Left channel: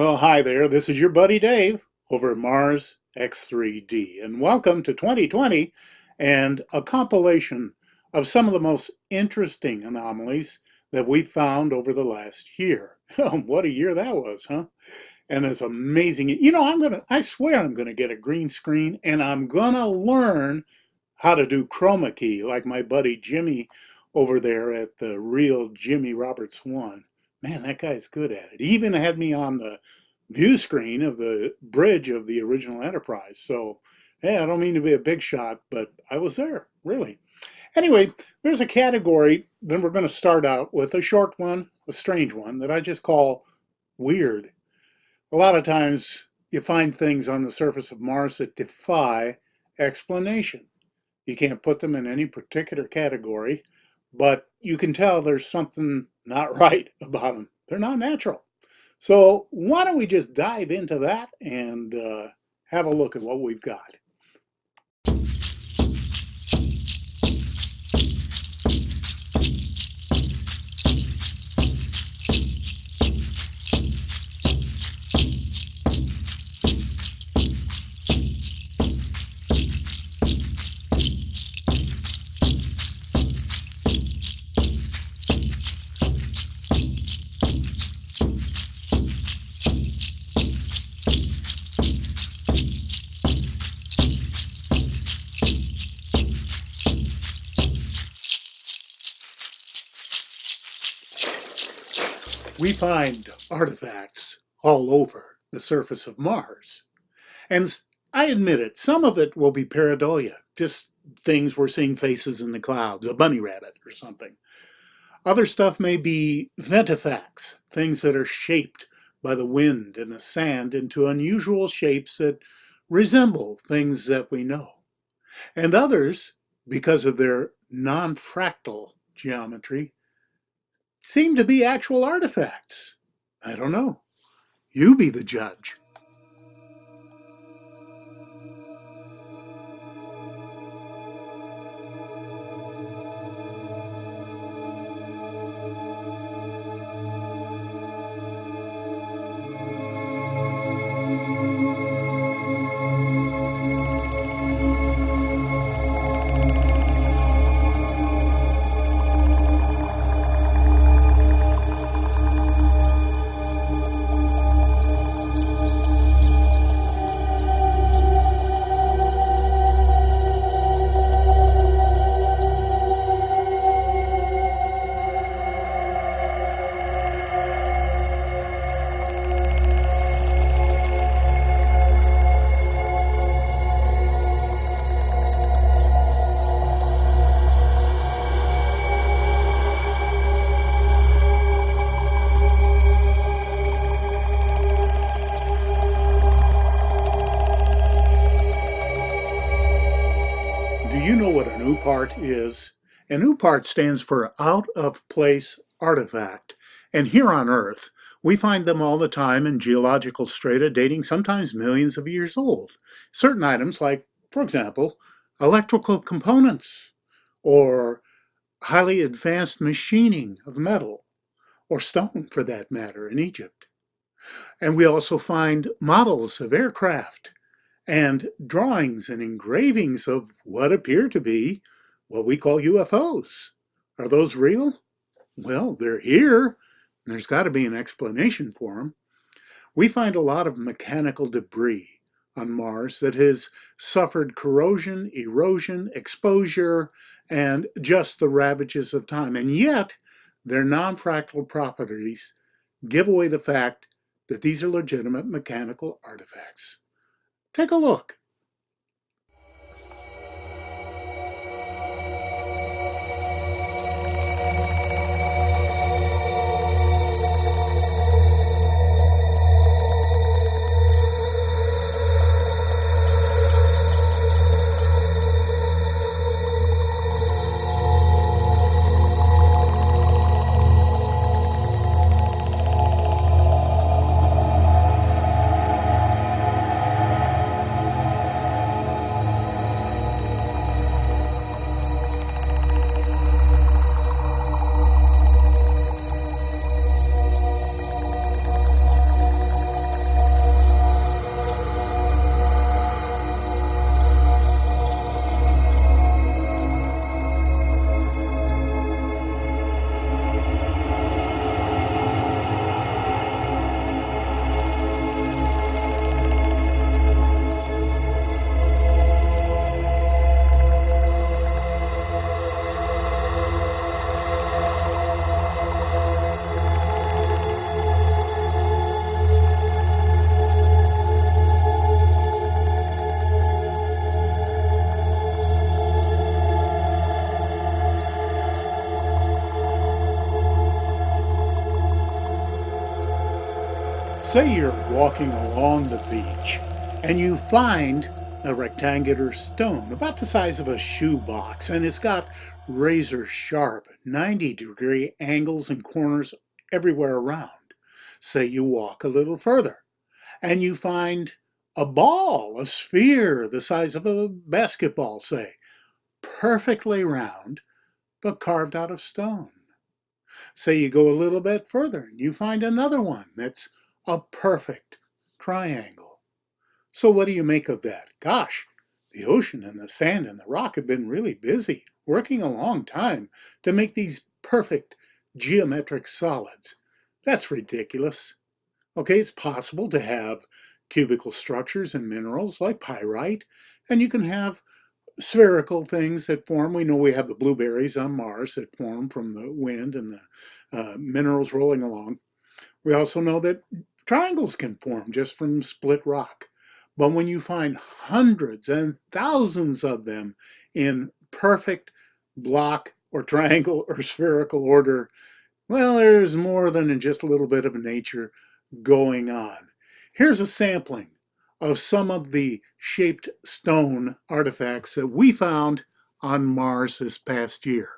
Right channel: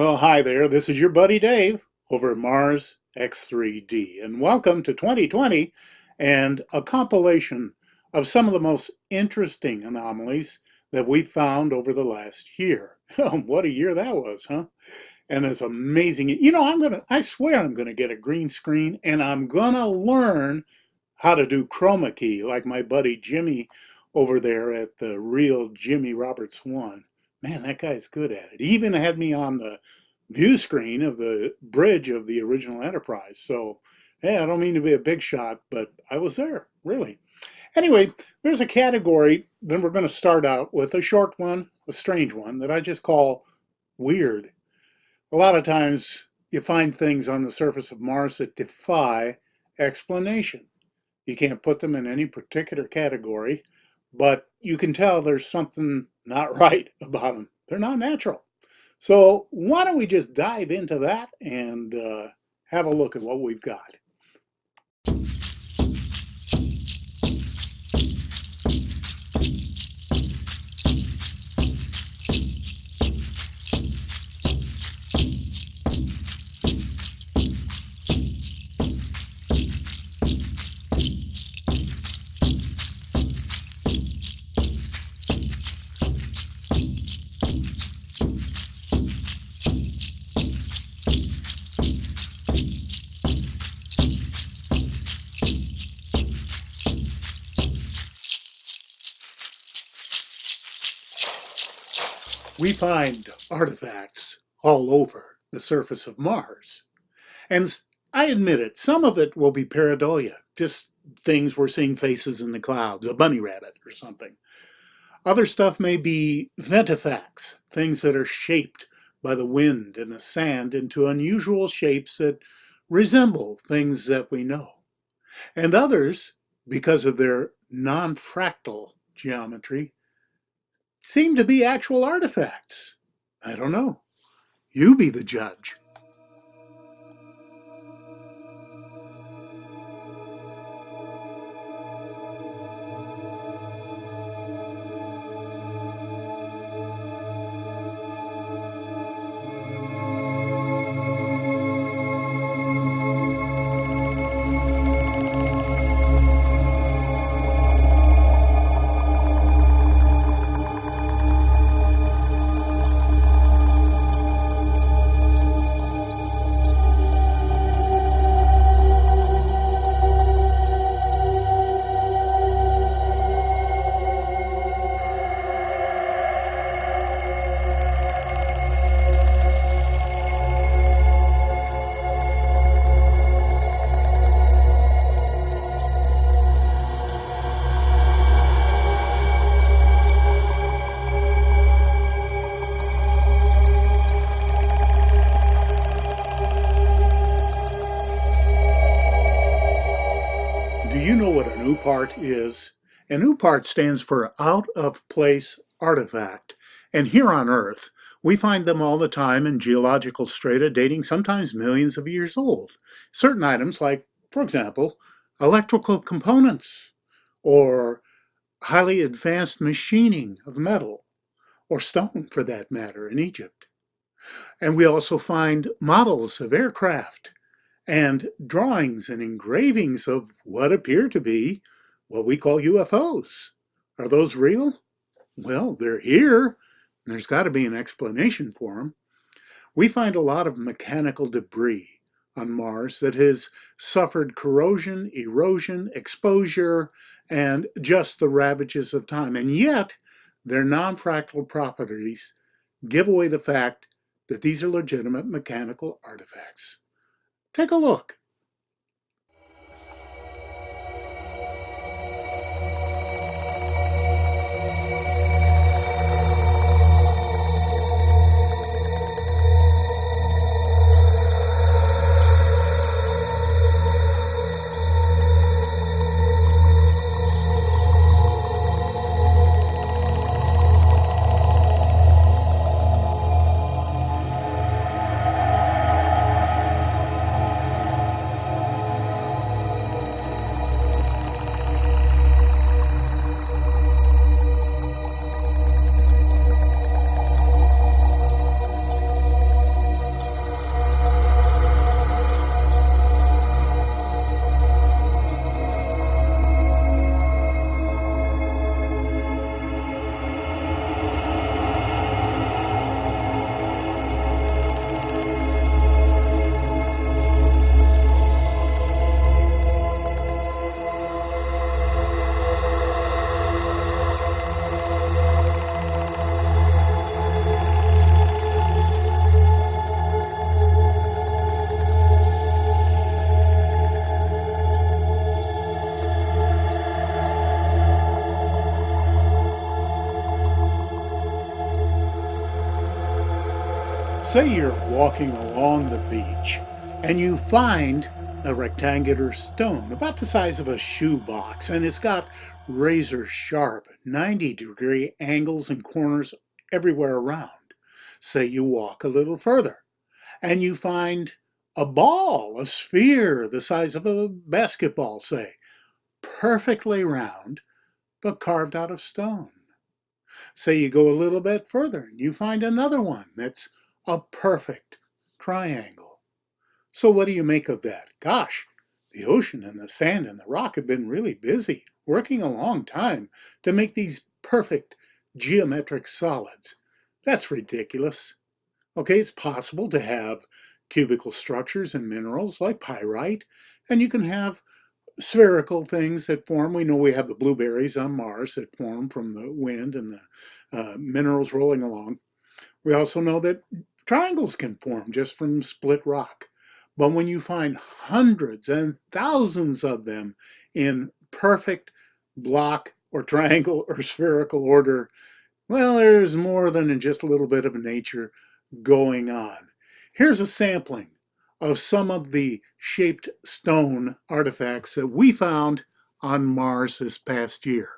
Well, hi there. This is your buddy Dave over at Mars X3D, and welcome to 2020 and a compilation of some of the most interesting anomalies that we found over the last year. What a year that was, huh? And it's amazing. I swear I'm gonna get a green screen and I'm gonna learn how to do chroma key like my buddy Jimmy over there at the Real Jimmy Roberts One. Man, that guy's good at it. He even had me on the view screen of the bridge of the original Enterprise. So, yeah, I don't mean to be a big shot, but I was there, really. Anyway, there's a category, then we're going to start out with a short one, a strange one, that I just call weird. A lot of times you find things on the surface of Mars that defy explanation. You can't put them in any particular category, but you can tell there's something not right about them. They're not natural. So why don't we just dive into that and have a look at what we've got. We find artifacts all over the surface of Mars. And I admit it, some of it will be pareidolia, just things we're seeing faces in the clouds, a bunny rabbit or something. Other stuff may be ventifacts, things that are shaped by the wind and the sand into unusual shapes that resemble things that we know. And others, because of their non-fractal geometry, seem to be actual artifacts. I don't know. You be the judge. Do you know what an UPART is? An UPART stands for out of place artifact. And here on Earth, we find them all the time in geological strata dating sometimes millions of years old. Certain items like, for example, electrical components or highly advanced machining of metal or stone for that matter in Egypt. And we also find models of aircraft and drawings and engravings of what appear to be what we call UFOs. Are those real? Well, they're here. There's got to be an explanation for them. We find a lot of mechanical debris on Mars that has suffered corrosion, erosion, exposure, and just the ravages of time. And yet, their non-fractal properties give away the fact that these are legitimate mechanical artifacts. Take a look. Say you're walking along the beach and you find a rectangular stone about the size of a shoebox, and it's got razor sharp 90-degree angles and corners everywhere around. Say you walk a little further and you find a ball, a sphere the size of a basketball, say, perfectly round but carved out of stone. Say you go a little bit further and you find another one that's a perfect triangle. So what do you make of that? Gosh, the ocean and the sand and the rock have been really busy, working a long time to make these perfect geometric solids. That's ridiculous. Okay, it's possible to have cubical structures in minerals like pyrite, and you can have spherical things that form. We know we have the blueberries on Mars that form from the wind and the minerals rolling along. We also know that triangles can form just from split rock. But when you find hundreds and thousands of them in perfect block or triangle or spherical order, well, there's more than just a little bit of nature going on. Here's a sampling of some of the shaped stone artifacts that we found on Mars this past year.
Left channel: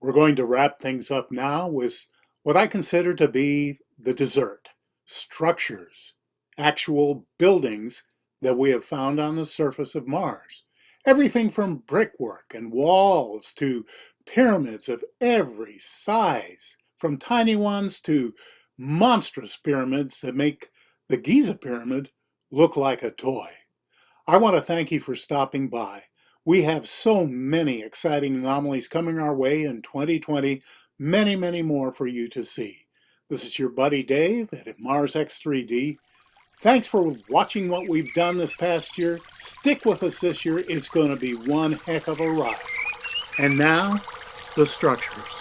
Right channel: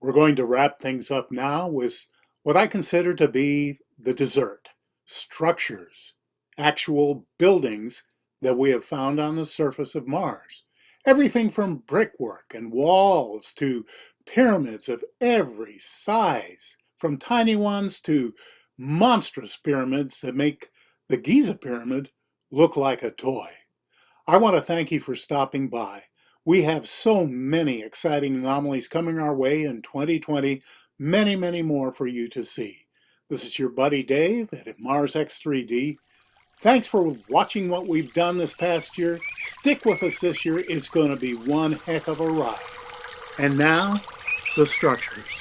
We're going to wrap things up now with what I consider to be the dessert: structures, actual buildings that we have found on the surface of Mars. Everything from brickwork and walls to pyramids of every size, from tiny ones to monstrous pyramids that make the Giza pyramid look like a toy. I want to thank you for stopping by. We have so many exciting anomalies coming our way in 2020, many, many more for you to see. This is your buddy Dave at Mars X3D. Thanks for watching what we've done this past year. Stick with us this year. It's going to be one heck of a ride. And now, the structures.